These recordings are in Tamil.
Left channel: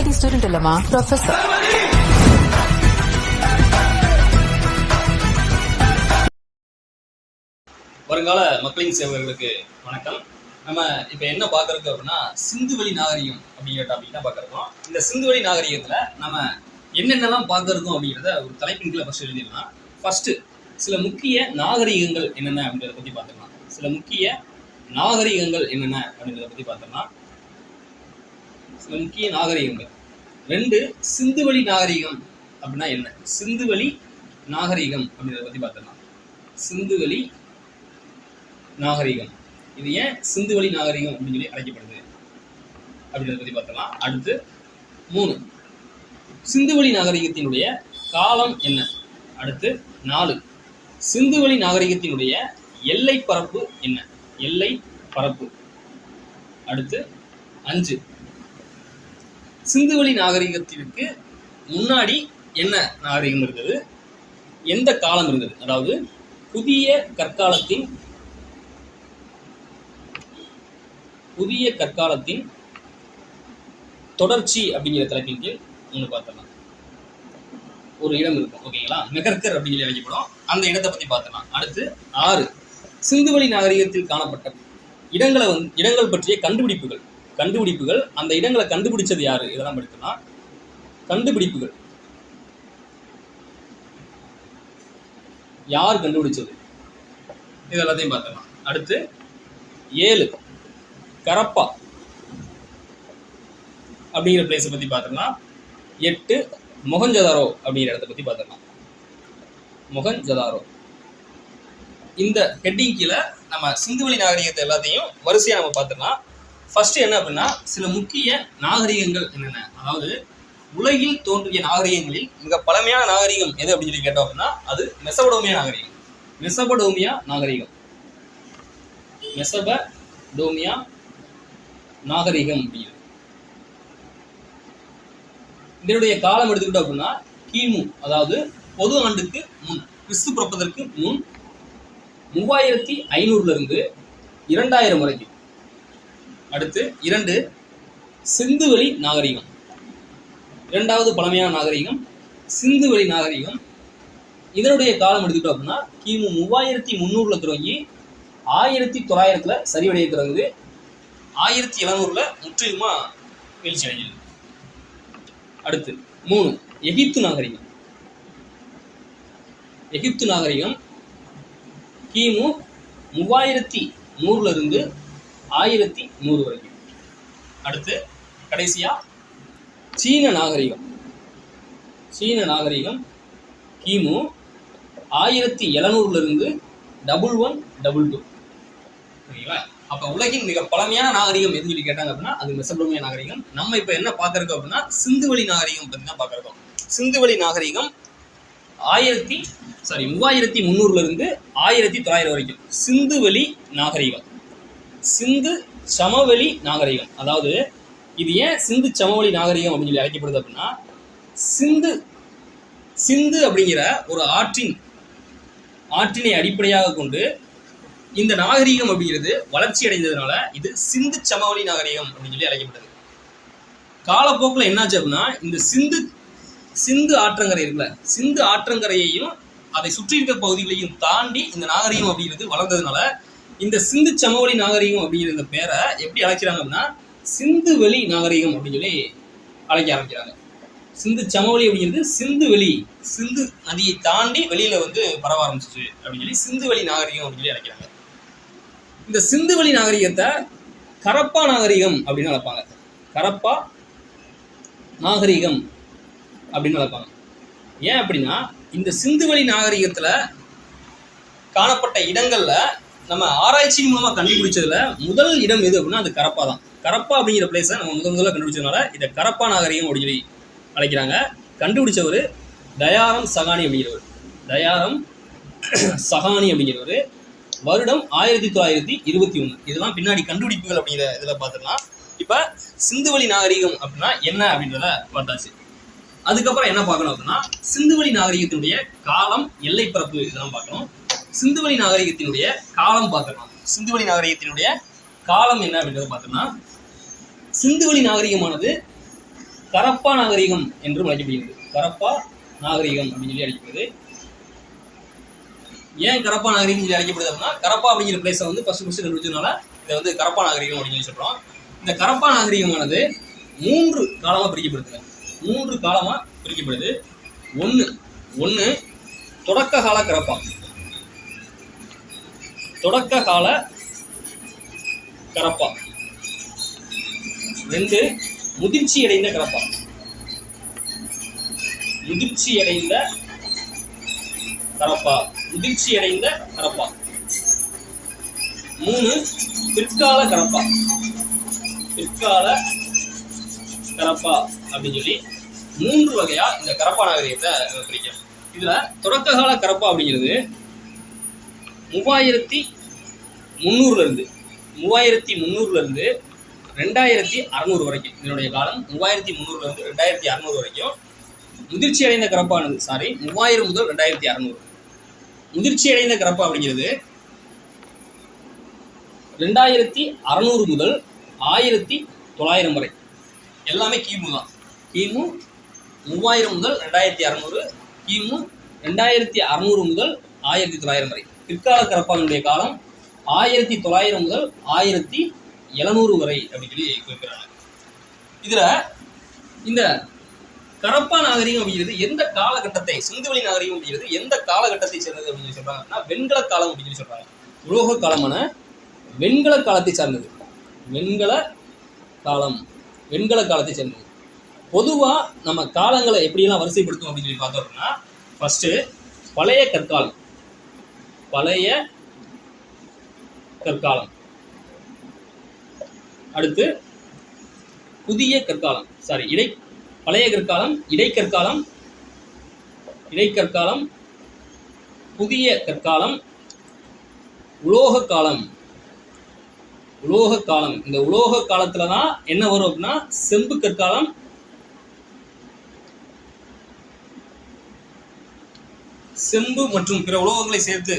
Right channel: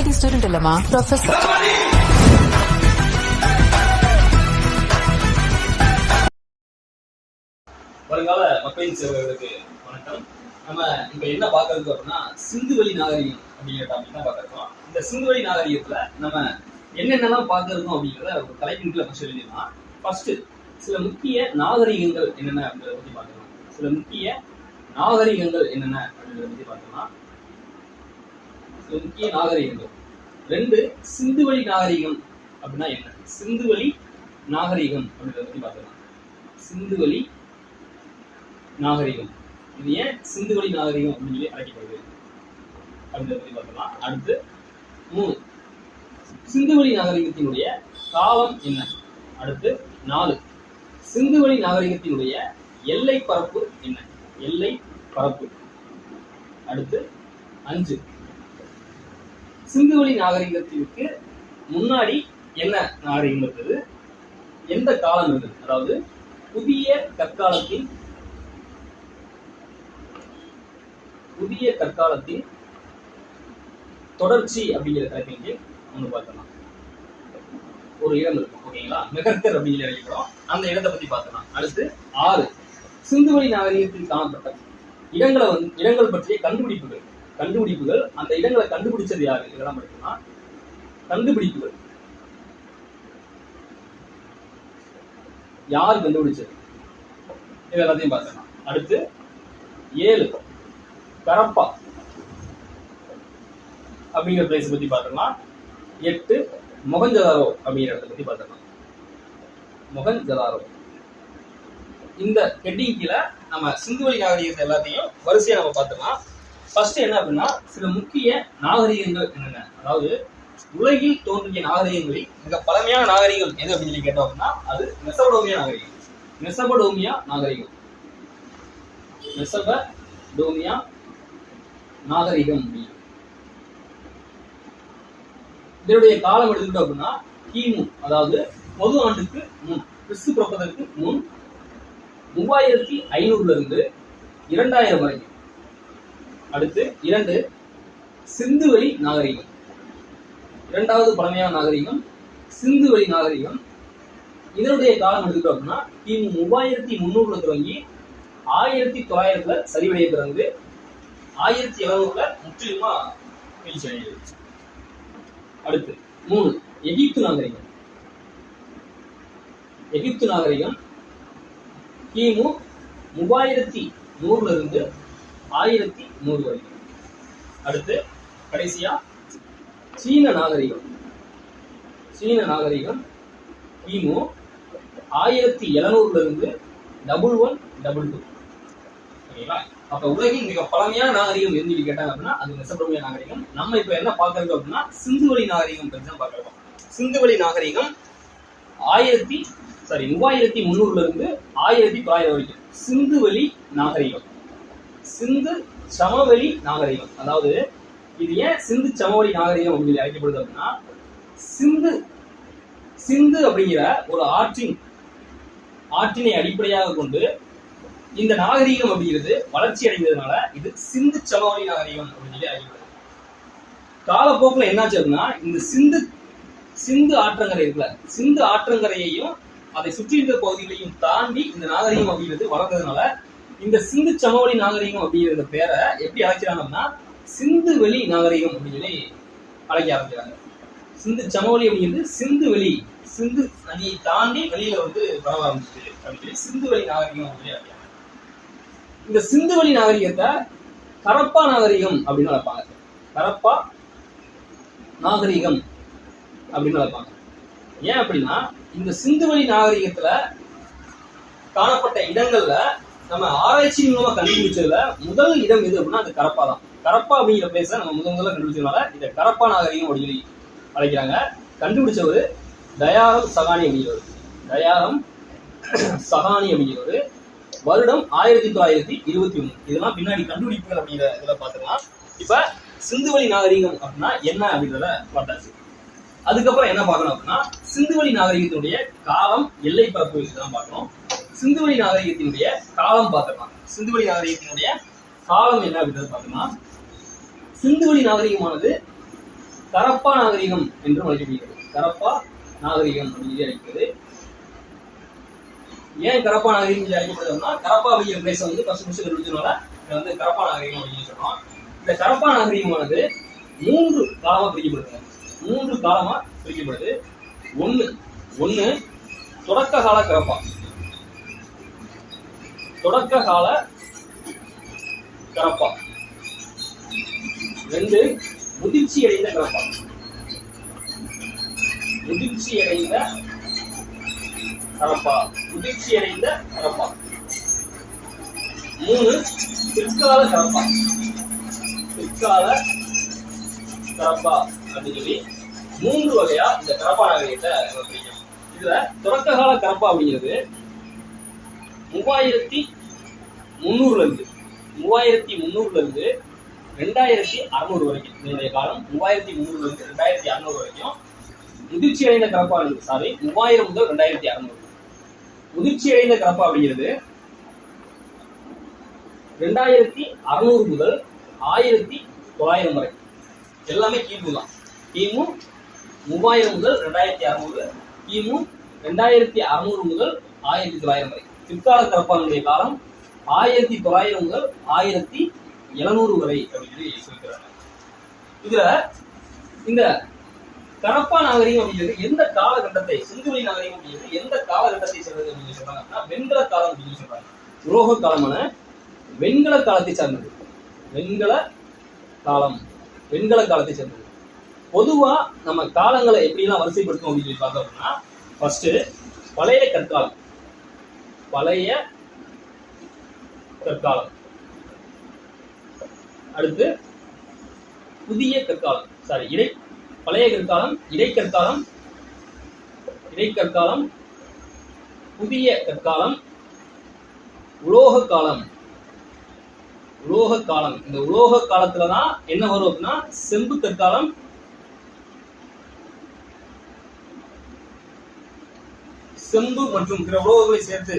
ஐஐடி ஸ்டூடெண்ட் இல்லமா ப்ரொஃபசர் வருங்கால மக்களின் சேவகர்களுக்கு வணக்கம். நம்ம இப்ப என்ன பார்க்கறது அப்படின்னா சிந்துவெளி நாகரிகம் அப்படிங்கிற டாபிக் தான் பார்க்கறோம். இந்த சிந்துவெளி நாகரிகத்துல நம்ம என்னென்னலாம் பாக்குறதும் அப்படிங்கிறத ஒரு தலைப்பின் கீழே ஃபர்ஸ்ட் எழுதிடலாம். ஃபர்ஸ்ட் சில முக்கிய நாகரிகங்கள் என்னென்ன அப்படின்றத பத்தி பார்த்துக்கலாம் சில முக்கிய நாகரிகங்கள் என்னென்ன அப்படின்றத பத்தி பார்த்துக்கலாம் சில முக்கிய நாகரிகங்கள். ரெண்டு சிந்துவெளி நாகரிகம் அப்படின்னா என்ன? சிந்துவெளி நாகரிகம் அப்படின்றத பற்றி பார்த்துக்கலாம் சிந்துவெளி நாகரிகம். இது ஏன் சிந்துவெளி நாகரிகம் அப்படின்னு சொல்லி அழைக்கப்படுது அப்படின்றத பற்றி பார்த்தலாம் அடுத்து மூணு சிந்துவெளி நாகரிகத்தினுடைய காலம் என்ன? அடுத்து நாலு சிந்துவெளி நாகரிகத்தினுடைய எல்லை பரப்பு என்ன? எல்லை பரப்பு. அடுத்து அஞ்சு சிந்துவெளி நாகரிகத்திற்கு முன்னாடி என்ன நாகரிகம் இருந்தது? எந்த காலம் இருந்தது? அதாவது புதிய கற்காலத்தின் புதிய கற்காலத்தின் தொடர்ச்சி அப்படிங்கிற தலைப்பின் கீழ் ஒன்று பார்த்தலாம். ஒரு இடம் இருக்கும் ஓகேங்களா? மெகர்கர் அப்படின்னு சொல்லி அழைக்கப்படும். அந்த இடத்தை பற்றி பார்த்தலாம். அடுத்து ஆறு. சிந்துவெளி நாகரிகத்தில் காணப்பட்ட இடங்களை வந்து இடங்கள் பற்றிய கண்டுபிடிப்புகள். கண்டுபிடிப்புகள் அந்த இடங்களை கண்டுபிடிச்சது யாரு? இதெல்லாம் படிக்கலாம் கண்டுபிடிப்புகள். யார் கண்டுபிடிச்சது? இது எல்லாத்தையும் பார்க்கலாம். அடுத்து ஏழு. கரப்பா. அப்படிங்கிற பிளேஸை பத்தி பார்த்தோம்னா எட்டு மொகஞ்சதாரோ அப்படிங்கிற இடத்த பத்தி பார்த்துடலாம். மொகஞ்சதாரோ. இந்த ஹெட்டிங் கீழே நம்ம சிந்துவெளி நாகரிகத்தை எல்லாத்தையும் வரிசையாக நம்ம பார்த்துக்கலாம் ஃபர்ஸ்ட் என்ன அப்படின்னா சில முக்கிய நாகரிகங்கள் என்னென்ன? அதாவது உலகில் தோன்றிய நாகரிகங்களில் மிக பழமையான நாகரிகம் எது அப்படின்னு சொல்லி கேட்டோம் அப்படின்னா அது மெசபடோமியா நாகரிகம். மெசபடோமியா நாகரிகம். மெசபடோமியா நாகரிகம் அப்படிங்கிறது இதனுடைய காலம் எடுத்துக்கிட்டோம் அப்படின்னா கிமு அதாவது பொது ஆண்டுக்கு முன் கிறிஸ்து பிறப்பதற்கு முன் மூவாயிரத்தி ஐநூறுல இருந்து இரண்டாயிரம் வரைக்கும். அடுத்து இரண்டு சிந்துவெளி நாகரிகம். இரண்டாவது பழமையான நாகரிகம் சிந்துவெளி நாகரிகம். இதனுடைய காலம் எடுத்துக்கிட்டோம் அப்படின்னா கிமு மூவாயிரத்தி முந்நூறுல தொடங்கி ஆயிரத்தி தொள்ளாயிரத்துல சரிவடைய தொடங்குது ஆயிரத்தி எழுநூறுல முற்றிலுமா வீழ்ச்சி அடைஞ்சது. அடுத்து மூணு எகிப்து நாகரிகம். எகிப்து நாகரிகம் கிமு மூவாயிரத்தி நூறுல இருந்து ஆயிரத்தி நூறு வரைக்கும். அடுத்து கடைசியா சீன நாகரிகம். சீன நாகரிகம் கிமு ஆயிரத்தி எழுநூறுலேருந்து டபுள் ஒன் டபுள் டூ ஓகேங்களா? அப்போ உலகின் மிக பழமையான நாகரிகம் எதுன்னு சொல்லி கேட்டாங்க அப்படின்னா அது மெசபடோமியா நாகரிகம். நம்ம இப்போ என்ன பார்க்குறோம் அப்படின்னா சிந்துவெளி நாகரிகம் பற்றி தான் பார்க்குறோம் சிந்துவெளி நாகரிகம் ஆயிரத்தி சாரி மூவாயிரத்தி முந்நூறுலேருந்து ஆயிரத்தி தொள்ளாயிரம் வரைக்கும். சிந்துவெளி நாகரிகம். சிந்து சமவெளி நாகரிகம். அதாவது இது ஏன் சிந்து சமவெளி நாகரிகம் அப்படின்னு சொல்லி அழைக்கப்படுது அப்படின்னா சிந்து சிந்து அப்படிங்கிற ஒரு ஆற்றின் ஆற்றினை அடிப்படையாக கொண்டு இந்த நாகரிகம் அப்படிங்கிறது வளர்ச்சி அடைந்ததுனால இது சிந்து சமவெளி நாகரிகம் அப்படின்னு சொல்லி அழைக்கப்படுது. காலப்போக்கில் என்னாச்சு அப்படின்னா இந்த சிந்து சிந்து ஆற்றங்கரை இருக்குல்ல சிந்து ஆற்றங்கரையையும் அதை சுற்றி இருக்க பகுதிகளையும் தாண்டி இந்த நாகரிகம் அப்படிங்கிறது வளர்ந்ததுனால இந்த சிந்து சமவெளி நாகரிகம் அப்படிங்கிறத பேரை எப்படி அழைக்கிறாங்க அப்படின்னா சிந்து வெளி நாகரிகம் அப்படின்னு சொல்லி அழைக்க ஆரம்பிக்கிறாங்க. சிந்து சமவெளி அப்படிங்கிறது சிந்து வெளி சிந்து நதியை தாண்டி வெளியில வந்து பரவ ஆரம்பிச்சிச்சு அப்படின்னு சொல்லி சிந்து வெளி நாகரிகம் அப்படின்னு சொல்லி அழைக்கிறாங்க. இந்த சிந்து வெளி நாகரிகத்தை கரப்பா நாகரிகம் அப்படின்னு அழைப்பாங்க. கரப்பா நாகரிகம் அப்படின்னு அழைப்பாங்க. ஏன் அப்படின்னா இந்த சிந்துவெளி நாகரிகத்துல காணப்பட்ட இடங்கள்ல நம்ம ஆராய்ச்சி மூலமா கண்டுபிடிச்சதுல முதல் இடம் எது அப்படின்னா அது கரப்பா தான். கரப்பா அப்படிங்கிற பிளேஸை நம்ம முதல் முதல்ல கண்டுபிடிச்சதுனால இதை கரப்பா நாகரிகம் அப்படின்னு சொல்லி அழைக்கிறாங்க. கண்டுபிடிச்சவர் தயாரம் சகானி அப்படிங்கிறவர். தயாரம் சகானி அப்படிங்கிறவர். வருடம் ஆயிரத்தி தொள்ளாயிரத்தி இருபத்தி ஒன்று இதெல்லாம் பின்னாடி கண்டுபிடிப்புகள் அப்படிங்கிற இதில் பார்த்துக்கலாம். இப்போ சிந்துவெளி நாகரிகம் அப்படின்னா என்ன அப்படின்றத பார்த்தாச்சு. அதுக்கப்புறம் என்ன பார்க்கணும் அப்படின்னா சிந்துவெளி நாகரிகத்தினுடைய காலம் எல்லைப்பரப்பு இதெல்லாம் பார்க்கணும். சிந்துவெளி நாகரிகத்தினுடைய காலம் பார்த்துக்கலாம் சிந்துவெளி நாகரிகத்தினுடைய காலம் என்ன அப்படின்றது பார்த்தோம்னா சிந்துவெளி நாகரிகமானது கரப்பா நாகரிகம் என்றும் அழைக்கப்படுகிறது. கரப்பா நாகரிகம் அப்படின்னு சொல்லி அழைக்கிறது ஏன் கரப்பா நாகரிகம் சொல்லி அழைக்கப்படுது அப்படின்னா கரப்பா அப்படிங்கிற பிளேஸை வந்து ஃபர்ஸ்ட் ஃபர்ஸ்ட் கண்டுபிடிச்சதுனால இதை வந்து கரப்பா நாகரிகம் அப்படின்னு சொல்லி சொல்றோம். இந்த கரப்பா நாகரிகமானது மூன்று காலமா பிரிக்கப்படுது. மூன்று காலமா பிரிக்கப்படுது. ஒன்று ஒன்று தொடக்க கால கரப்பா. தொடக்க கால கரப்பா. ரெண்டு முதிர்ச்சி அடைந்த கரப்பா. முதிர்ச்சி அடைந்த கரப்பா. முதிர்ச்சி அடைந்த கரப்பா. மூணு பிற்கால கரப்பா. பிற்கால கரப்பா அப்படின்னு சொல்லி மூன்று வகையா இந்த கரப்பா நாகரிகத்தை நம்ம பிரிக்கிறோம். இதுல தொடக்க கால கரப்பா அப்படிங்கிறது மூவாயிரத்தி முந்நூறுலேருந்து மூவாயிரத்தி முந்நூறுலேருந்து ரெண்டாயிரத்தி அறநூறு வரைக்கும். இதனுடைய காலம் மூவாயிரத்தி முந்நூறுல இருந்து ரெண்டாயிரத்தி அறநூறு வரைக்கும். முதிர்ச்சி அடைந்த கிரப்பானது சாரி மூவாயிரம் முதல் ரெண்டாயிரத்தி அறநூறு. முதிர்ச்சி அடைந்த கிரப்பா அப்படிங்கிறது ரெண்டாயிரத்தி அறநூறு முதல் ஆயிரத்தி தொள்ளாயிரம் வரை. எல்லாமே கிமு தான். கிமு மூவாயிரம் முதல் ரெண்டாயிரத்தி அறநூறு கிமு ரெண்டாயிரத்தி அறநூறு முதல் ஆயிரத்தி தொள்ளாயிரம் வரை. பிற்கால கரப்பானுடைய காலம் ஆயிரத்தி தொள்ளாயிரம் முதல் ஆயிரத்தி எழுநூறு வரை அப்படின்னு சொல்லி குறிப்பிடுறாங்க இதுல இந்த கரப்பா நாகரிகம் அப்படிங்கிறது எந்த காலகட்டத்தை சிந்துவெளி நாகரிகம் அப்படிங்கிறது எந்த காலகட்டத்தை சேர்ந்தது அப்படின்னு சொல்லி சொல்றாங்க வெண்கல காலம் அப்படின்னு சொல்லி சொல்றாங்க. உலோக காலமான வெண்கல காலத்தை சார்ந்தது. வெண்கல காலம் வெண்கல காலத்தை சேர்ந்தது. பொதுவாக நம்ம காலங்களை எப்படியெல்லாம் வரிசைப்படுத்தும் அப்படின்னு சொல்லி பார்த்தோம் அப்படின்னா ஃபஸ்ட்டு பழைய கற்காலம் பழைய கற்காலம். அடுத்து புதிய கற்காலம். சாரி இடை பழைய கற்காலம் இடைக்கற்காலம் இடைக்கற்காலம் புதிய கற்காலம் உலோக காலம். உலோக காலம். இந்த உலோக காலத்துல தான் என்ன வரும் அப்படின்னா செம்பு கற்காலம் செம்பு மற்றும் பிற உலோகங்களை சேர்த்து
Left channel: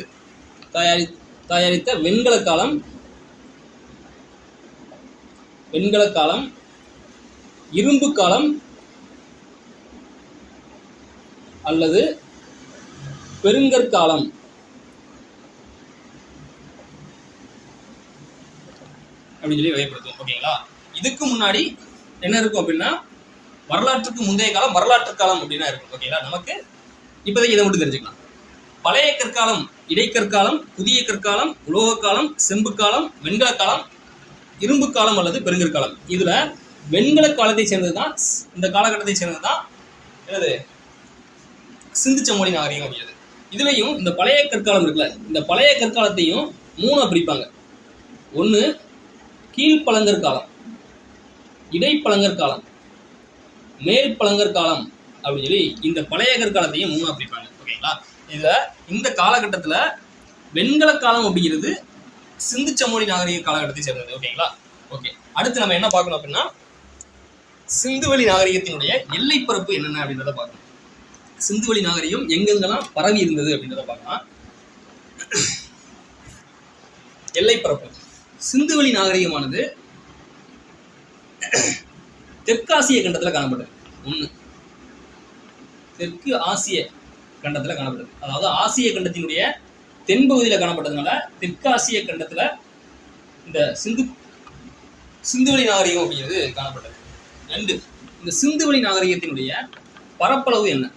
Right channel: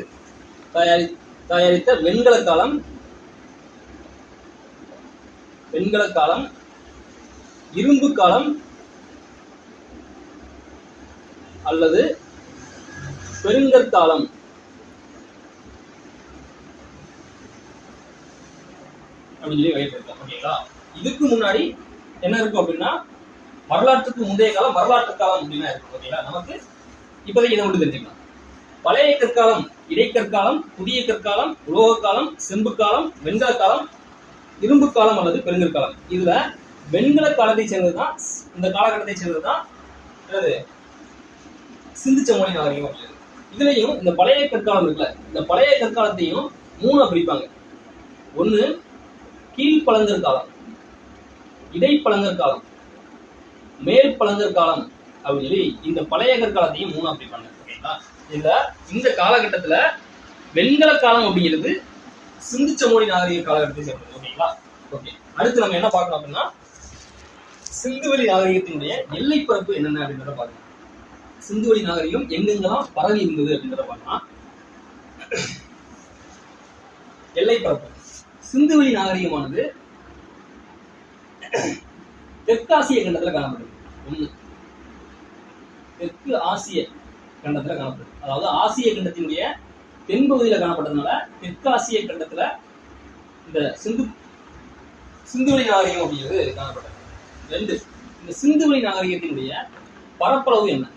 தயாரி தயாரித்த வெண்கல காலம் வெண்கல காலம் இரும்பு காலம் அல்லது பெருங்கற்காலம் அப்படின்னு சொல்லி வகைப்படுத்துவோம். ஓகேங்களா? இதுக்கு முன்னாடி என்ன இருக்கும் அப்படின்னா வரலாற்றுக்கு முந்தைய காலம் வரலாற்று காலம் அப்படின்னா இருக்கும். ஓகேங்களா? நமக்கு இப்போதைக்கு இதை மட்டும் தெரிஞ்சுக்கலாம். பழைய கற்காலம் இடைக்கற்காலம் புதிய கற்காலம் உலோக காலம் செம்பு காலம் வெண்கல காலம் இரும்பு காலம் அல்லது பெருங்கற்காலம் இதுல வெண்கல காலத்தை சேர்ந்தது தான் இந்த காலகட்டத்தை சேர்ந்தது தான் என்னது? சிந்து சமோனி நாகரிகம் அப்படிங்கிறது இதுலயும் இந்த பழைய கற்காலம் இருக்குல்ல இந்த பழைய கற்காலத்தையும் மூணாக பிரிப்பாங்க. ஒன்று கீழ்ப்பழங்கர் காலம் இடைப்பழங்கர் காலம் மேற்பழங்கர் காலம் அப்படின்னு சொல்லி இந்த பழைய கற்காலத்தையும் மூணா பிரிப்பாங்க. ஓகேங்களா? இதில் இந்த காலகட்டத்தில் வெண்கல காலம் அப்படிங்கிறது சிந்து சமோனி நாகரிக காலகட்டத்தை சேர்ந்தது ஓகேங்களா? ஓகே அடுத்து நம்ம என்ன பார்க்கணும் அப்படின்னா சிந்துவெளி நாகரிகத்தினுடைய எல்லைப்பரப்பு என்னென்ன அப்படின்றத பார்க்கணும் சிந்துவெளி நாகரிகம் எங்கெங்கெல்லாம் பரவி இருந்தது அப்படின்றத பார்க்கலாம். எல்லைப்பரப்பு சிந்துவெளி நாகரிகமானது தெற்காசிய கண்டத்தில் காணப்படுது ஒன்று தெற்கு ஆசிய கண்டத்துல காணப்படுது. அதாவது ஆசிய கண்டத்தினுடைய தென்பகுதியில் காணப்பட்டதுனால தெற்காசிய கண்டத்துல இந்த சிந்து சிந்துவெளி நாகரிகம் அப்படிங்கிறது காணப்பட்டது. ரெண்டு இந்த சிந்துவெளி நாகரிகத்தினுடைய பரப்பளவு என்ன?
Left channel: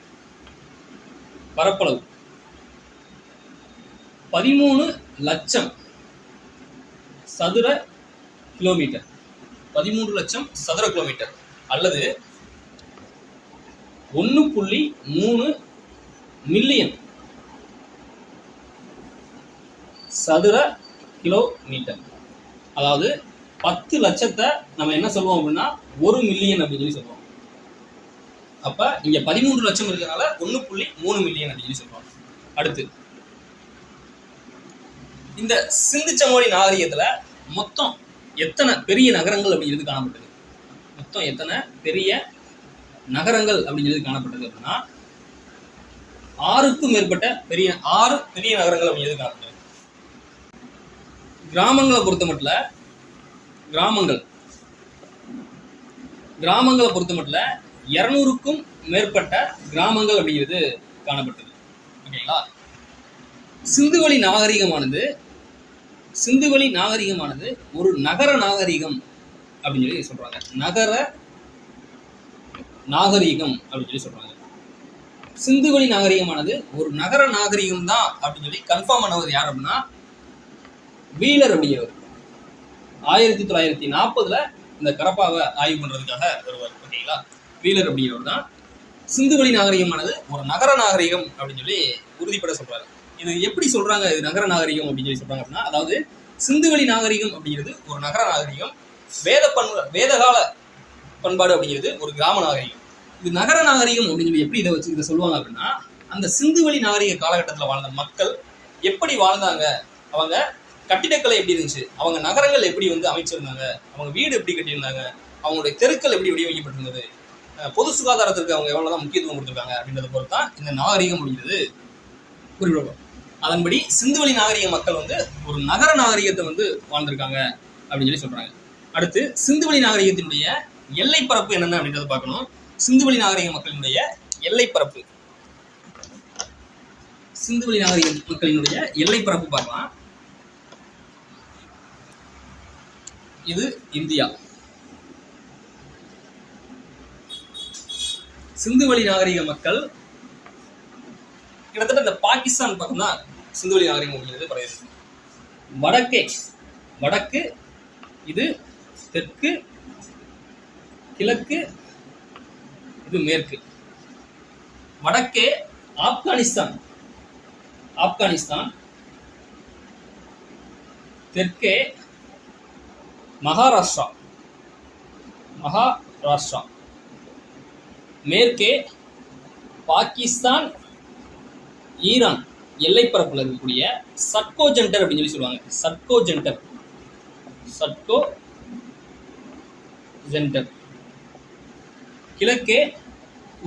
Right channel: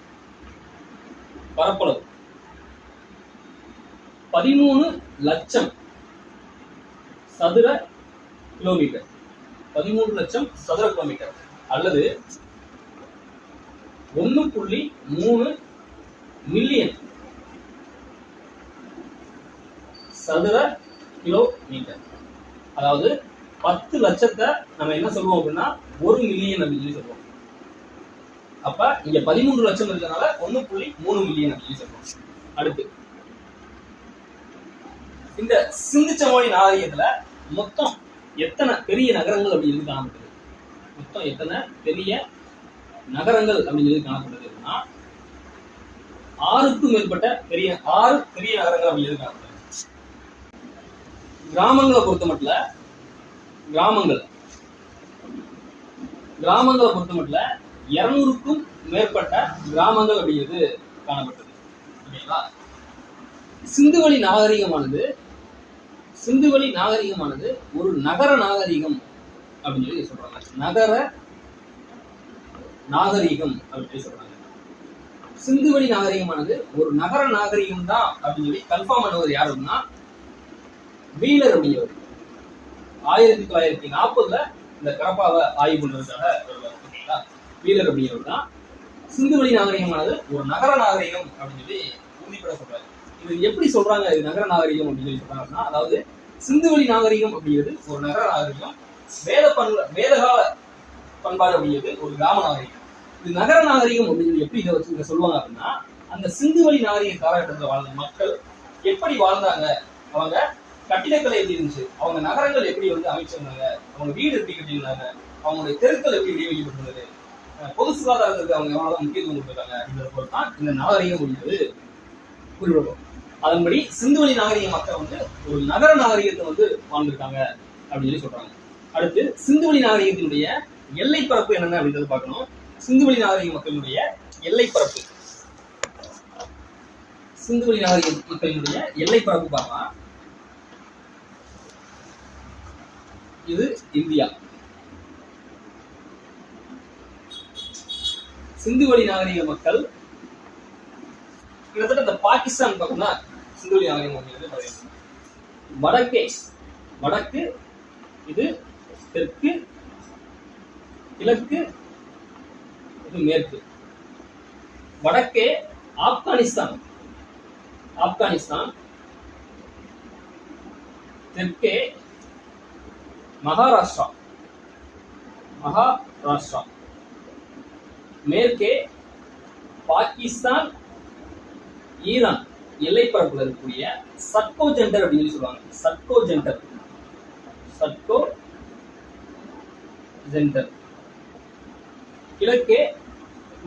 பரப்பளவு. பதிமூணு லட்சம் சதுர கிலோமீட்டர். பதிமூன்று லட்சம் சதுர கிலோமீட்டர். அல்லது ஒன்று புள்ளி மூணு மில்லியன் சதுர கிலோமீட்டர் அதாவது பத்து லட்சத்தை நம்ம என்ன சொல்லுவோம் அப்படின்னா ஒரு மில்லியன் அப்படின்னு சொல்லி சொல்லுவோம். அப்ப இங்க பதிமூன்று லட்சம் இருக்கிறதுனால ஒன்று புள்ளி மூணு மில்லியன் அப்படின்னு சொல்லி சொல்றோம் அடுத்து இந்த சிந்து நாகரிகத்துல மொத்தம் எத்தனை பெரிய நகரங்கள் அப்படிங்கிறது காணப்பட்டது? மொத்தம் எத்தனை பெரிய நகரங்கள் அப்படிங்கிறது காணப்பட்டது அப்படின்னா ஆறுக்கும் மேற்பட்ட பெரிய ஆறு பெரிய நகரங்கள் அப்படிங்கிறது காணப்பட்டது கிராமங்களை பொறுத்த மட்டும் கிராமங்கள். கிராமங்களை பொறுத்த மட்டும் இருநூறுக்கும் மேற்பட்ட கிராமங்கள் அப்படிங்கிறது காணப்பட்டது. ஓகேங்களா? சிந்துவெளி நாகரிகமானது சிந்துவெளி நாகரிகமானது ஒரு நகர நாகரிகம் அப்படின்னு சொல்லி சொல்றாங்க. நகர நாகரிகம் அப்படின்னு சொல்லி சொல்றாங்க. சிந்துவெளி நாகரிகமானது ஒரு நகர நாகரிகம் தான் அப்படின்னு சொல்லி கன்ஃபார்ம் ஆனவர் யார் அப்படின்னா வீலர் அப்படிங்கிறவர். ஆயிரத்தி தொள்ளாயிரத்தி நாற்பதுல இந்த கரப்பாவை ஆய்வு பண்றதுக்காக வருவார் ஓகேங்களா? வீலர் அப்படிங்கிறவர் தான். சிந்துவெளி நாகரிகமானது ஒரு நகர நாகரிகம் அப்படின்னு சொல்லி உறுதிப்பட சொல்றாரு. இது எப்படி சொல்றாங்க? இது நகர நாகரிகம் அப்படின்னு சொல்லி சொல்றாங்க அப்படின்னா அதாவது சிந்துவெளி நாகரிகம் அப்படிங்கிறது ஒரு நகர நாகரிகம் வேத பண்பு வேதகால பண்பாடு அப்படிங்கிறது ஒரு கிராம நாகரிகம். இது நகர நாகரிகம் அப்படின்னு சொல்லி எப்படி இதை வச்சு இதை சொல்லுவாங்க அப்படின்னா அந்த சிந்து வழி நாகரிக காலகட்டத்தில் வாழ்ந்த மக்கள் எப்படி வாழ்ந்தாங்க? அவங்க கட்டிடக்கலை எப்படி இருந்துச்சு? அவங்க நகரங்கள் எப்படி வந்து அமைச்சிருந்தாங்க? அவங்க வீடு எப்படி கட்டியிருந்தாங்க? அவங்களுடைய தெருக்கள் எப்படி வடிவமைக்கப்பட்டிருந்தது? பொது சுகாதாரத்திற்கு அவங்க எவ்வளோதான் முக்கியத்துவம் கொடுத்துருக்காங்க அப்படின்றத பொறுத்து தான் இந்த நாகரிகம் அப்படிங்கிறது குறிப்பிடப்படும். அதன்படி சிந்துவெளி நாகரிக மக்கள் வந்து ஒரு நகர நாகரிகத்தை வந்து வாழ்ந்திருக்காங்க அப்படின்னு சொல்லி சொல்கிறாங்க அடுத்து சிந்துவெளி நாகரிகத்தினுடைய எல்லை பரப்பு என்னென்ன அப்படின்றத பார்க்கணும். சிந்துவெளி நாகரிக மக்களினுடைய எல்லை பரப்பு. சிந்துவெளி நாகரிக மக்களினுடைய எல்லை பரப்பு பார்க்கலாம். இது இந்தியா. சிந்துவெளி நாகரிக மக்கள் கிட்டத்தட்ட இந்த பாகிஸ்தான் பக்கம் தான் சிந்துவெளி நாகரிகம் அப்படிங்கிறது படையிருக்கு வடக்கே வடக்கு இது தெற்கு கிழக்கு வடக்கு மேற்கு. வடக்கே ஆப்கானிஸ்தான். ஆப்கானிஸ்தான். தெற்கே மகாராஷ்டிரா. மகாராஷ்டிரா. மேற்கே பாகிஸ்தான் ஈரான் எல்லைப்பரப்பில் இருக்கக்கூடிய சட்கோ ஜென்டர் அப்படின்னு சொல்லி சொல்லுவாங்க. சட்கோ ஜென்டர் சட்கோ ஜென்டர் கிழக்கே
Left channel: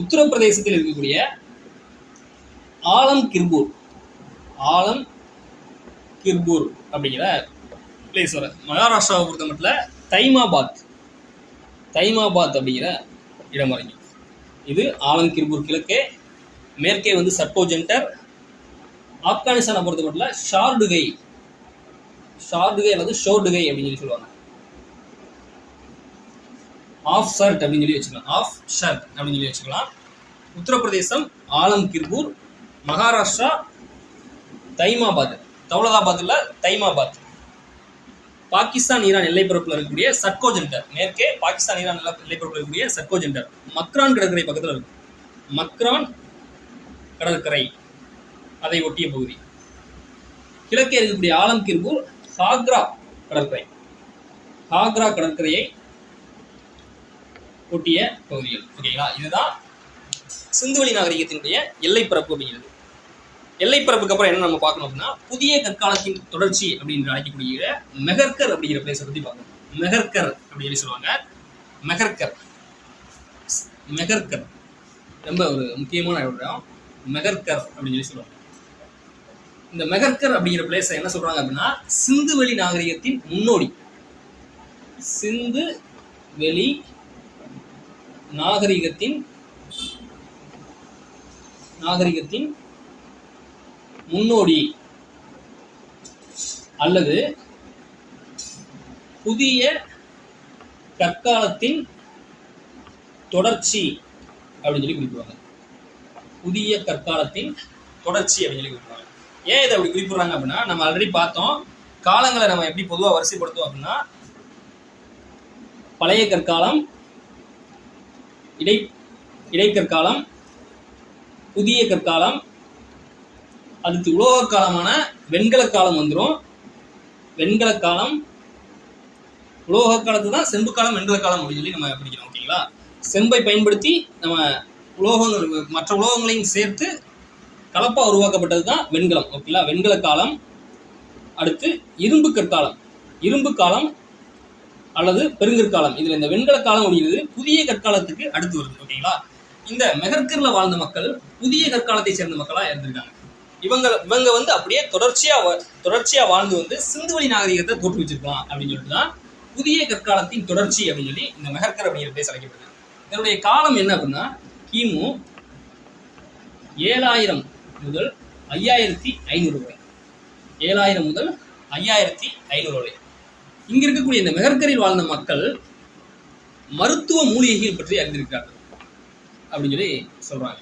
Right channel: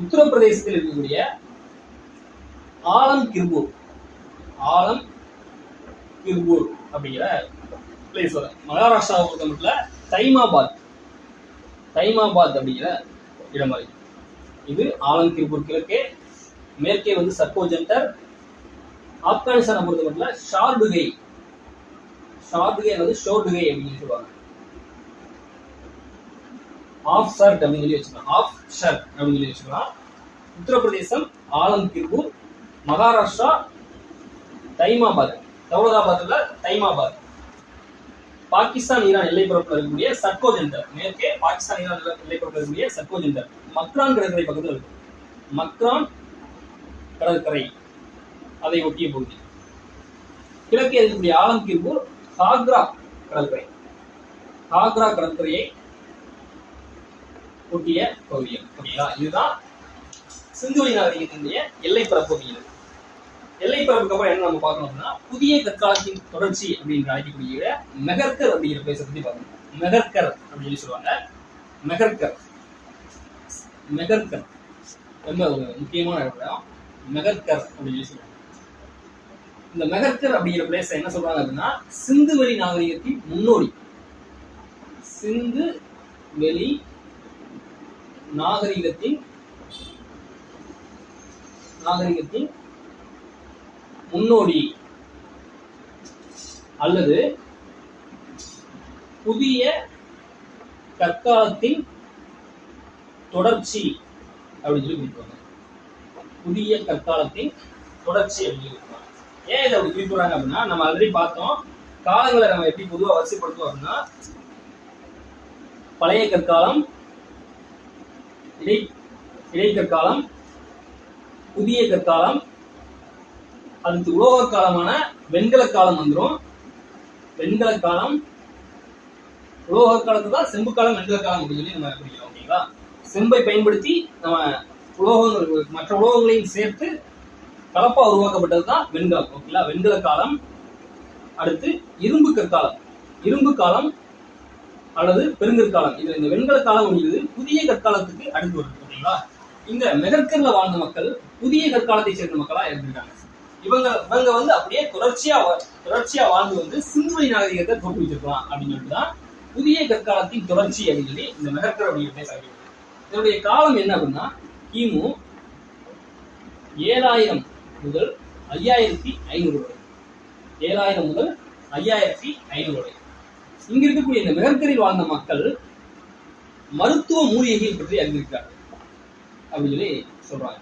உத்தரப்பிரதேசத்தில் இருக்கக்கூடிய ஆலம் கிர்பூர் ஆலம் கிர்பூர் அப்படிங்கிற பிளேஸ் வர மகாராஷ்டிராவை பொறுத்த மட்டும் தைமாபாத். தைமாபாத் அப்படிங்கிற இடம் வரைக்கும். இது ஆலம் கிர்பூர் கிழக்கே மேற்கே வந்து சட்டோஜென்டர் ஆப்கானிஸ்தானை பொறுத்த மட்டும் ஷார்டுகை. ஷார்டுகை அல்லது ஷோர்டுகை அப்படின்னு சொல்லி சொல்லுவாங்க. ஆஃப் ஷர்ட் அப்படின்னு சொல்லி வச்சுக்கலாம். ஆஃப் ஷர்ட் அப்படின்னு சொல்லி வச்சுக்கலாம். உத்தரப்பிரதேசம் ஆலம் கிர்பூர் மகாராஷ்டிரா தைமாபாத். தௌலதாபாத்தில் தைமாபாத். பாகிஸ்தான் ஈரான் எல்லைப்பரப்பில் இருக்கக்கூடிய சட்கோ ஜென்டர் மேற்கே பாகிஸ்தான் ஈரான் எல்லைப்பரப்பில் இருக்கக்கூடிய சட்கோ ஜெண்டர். மக்ரான் கடற்கரை பக்கத்தில் இருக்கும். மக்ரான் கடற்கரை அதை ஒட்டிய பகுதி. கிழக்கே இருக்கக்கூடிய ஆலம் கிர்பூர் ஹாக்ரா கடற்கரை. ஹாக்ரா கடற்கரையை ஒட்டிய பகுதிகள். ஓகேங்களா இதுதான் சிந்துவெளி நாகரிகத்தினுடைய எல்லைப்பரப்பு அப்படிங்கிறது. எல்லைப்பரப்புக்கு அப்புறம் என்ன நம்ம பார்க்கணும் அப்படின்னா புதிய கற்காலத்தின் தொடர்ச்சி அப்படின்னு அழைக்கக்கூடிய மெகர்கர் அப்படிங்கிற பிளேஸை பற்றி பார்க்கணும். மெகர்கர் அப்படின்னு சொல்லி சொல்லுவாங்க. மெகர்கர் மெகர்கர் ரொம்ப ஒரு முக்கியமான இடம் மெகர்கர் அப்படின்னு சொல்லி சொல்லுவாங்க. இந்த மெகர்கர் அப்படிங்கிற பிளேஸை என்ன சொல்றாங்க அப்படின்னா சிந்து வெளி நாகரிகத்தின் முன்னோடி. சிந்து வெளி நாகரிகத்தின் நாகரிகத்தின் முன்னோடி அல்லது புதிய கற்காலத்தின் தொடர்ச்சி அப்படின்னு சொல்லி குறிப்பிடுவாங்க. புதிய கற்காலத்தின் தொடர்ச்சி அப்படின்னு சொல்லி குறிப்பிடுவாங்க. ஏன் இதை அப்படி குறிப்பிடுறாங்க அப்படின்னா நம்ம ஆல்ரெடி பார்த்தோம். காலங்களை நம்ம எப்படி பொதுவாக வரிசைப்படுத்துவோம் அப்படின்னா பழைய கற்காலம் இடை இடைக்கற்காலம் புதிய கற்காலம் அடுத்து உலோக காலமான வெண்கல காலம் வந்துடும் வெண்கல காலம் உலோக காலத்து தான் செம்பு காலம் வெண்கல காலம் அப்படின்னு சொல்லி நம்ம பிடிக்கிறோம் ஓகேங்களா செம்பை பயன்படுத்தி நம்ம உலோகங்கள் மற்ற உலோகங்களையும் சேர்த்து கலப்பாக உருவாக்கப்பட்டது தான் வெண்கலம் ஓகேங்களா வெண்கல காலம் அடுத்து இரும்பு கற்காலம். இரும்பு காலம் அல்லது பெருங்கற்காலம். இதுல இந்த வெண்கல காலம் அப்படிங்கிறது புதிய கற்காலத்துக்கு அடுத்து வருது. ஓகேங்களா இந்த மெகற்கர்ல வாழ்ந்த மக்கள் புதிய கற்காலத்தை சேர்ந்த மக்களா இருந்திருக்காங்க. இவங்க இவங்க வந்து அப்படியே தொடர்ச்சியா வா- தொடர்ச்சியா வாழ்ந்து வந்து சிந்துவெளி நாகரிகத்தை தோற்றுவிச்சிருக்கலாம் அப்படின்னு சொல்லிட்டு தான் புதிய கற்காலத்தின் தொடர்ச்சி அப்படின்னு சொல்லி இந்த மெகற்கர் அப்படிங்கிற பேச அழைக்கப்படுது இதனுடைய காலம் என்ன அப்படின்னா கிமு ஏழாயிரம் முதல் ஐயாயிரத்தி ஐநூறு வரை. ஏழாயிரம் முதல் ஐயாயிரத்தி ஐநூறு வரை. இங்க இருக்கக்கூடிய இந்த மெகர்கரில் வாழ்ந்த மக்கள் மருத்துவ மூலிகைகள் பற்றி அறிந்திருக்கிறார்கள் அப்படின்னு சொல்லி சொல்றாங்க.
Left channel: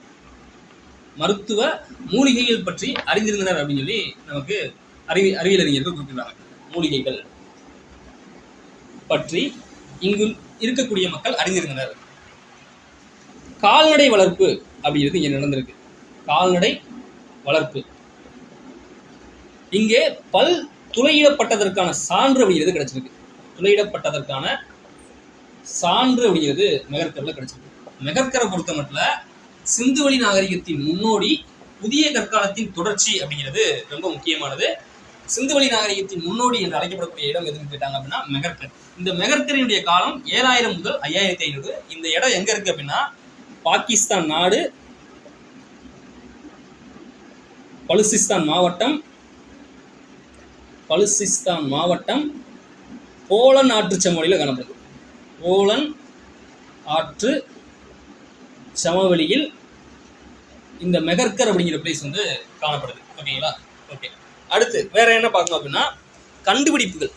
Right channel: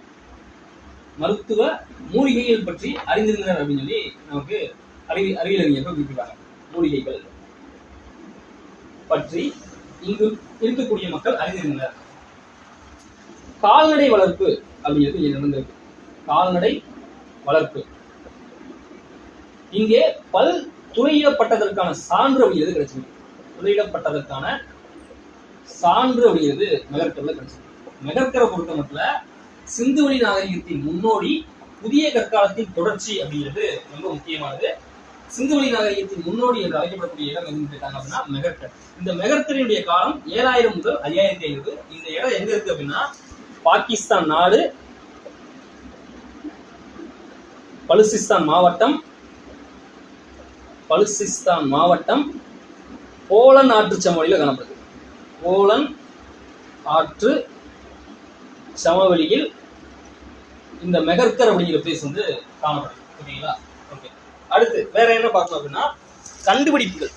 மருத்துவ மூலிகைகள் பற்றி அறிந்திருந்தனர் அப்படின்னு சொல்லி நமக்கு அறிவி அறிவியல் அறிஞர்கள் குறிப்பிடுறாங்க. மூலிகைகள் பற்றி இங்கு இருக்கக்கூடிய மக்கள் அறிந்திருந்தனர். கால்நடை வளர்ப்பு அப்படிங்கிறது இங்கே நடந்திருக்கு. கால்நடை வளர்ப்பு. இங்கே பல் துளையிடப்பட்டதற்கான சான்று அப்படிங்கிறது கிடைச்சிருக்கு. துளையிடப்பட்டதற்கான சான்று அப்படிங்கிறது மெகர்கரில் கிடைச்சிருக்கு. மெகர்கரை பொறுத்த மட்டும் சிந்துவெளி நாகரிகத்தின் முன்னோடி புதிய கற்காலத்தின் தொடர்ச்சி அப்படிங்கிறது ரொம்ப முக்கியமானது. சிந்துவெளி நாகரிகத்தின் முன்னோடி என்று அழைக்கப்படக்கூடிய இடம் எதுன்னு கேட்டாங்க அப்படின்னா மெகர்கர் இந்த மெகர்கரினுடைய காலம் ஏழாயிரம் முதல் ஐயாயிரத்தி ஐநூறு. இந்த இடம் எங்க இருக்கு அப்படின்னா பாகிஸ்தான் நாடு பலுசிஸ்தான் மாவட்டம் பலுசிஸ்தான் மாவட்டம் போலன் ஆற்று சமவெளியில் காணப்படுது. போலன் ஆற்று சமவெளியில் இந்த மெகர்கர் அப்படிங்கிற பிளேஸ் வந்து காணப்படுது. ஓகேங்களா? ஓகே. அடுத்து வேற என்ன பார்க்கணும் அப்படின்னா கண்டுபிடிப்புகள்.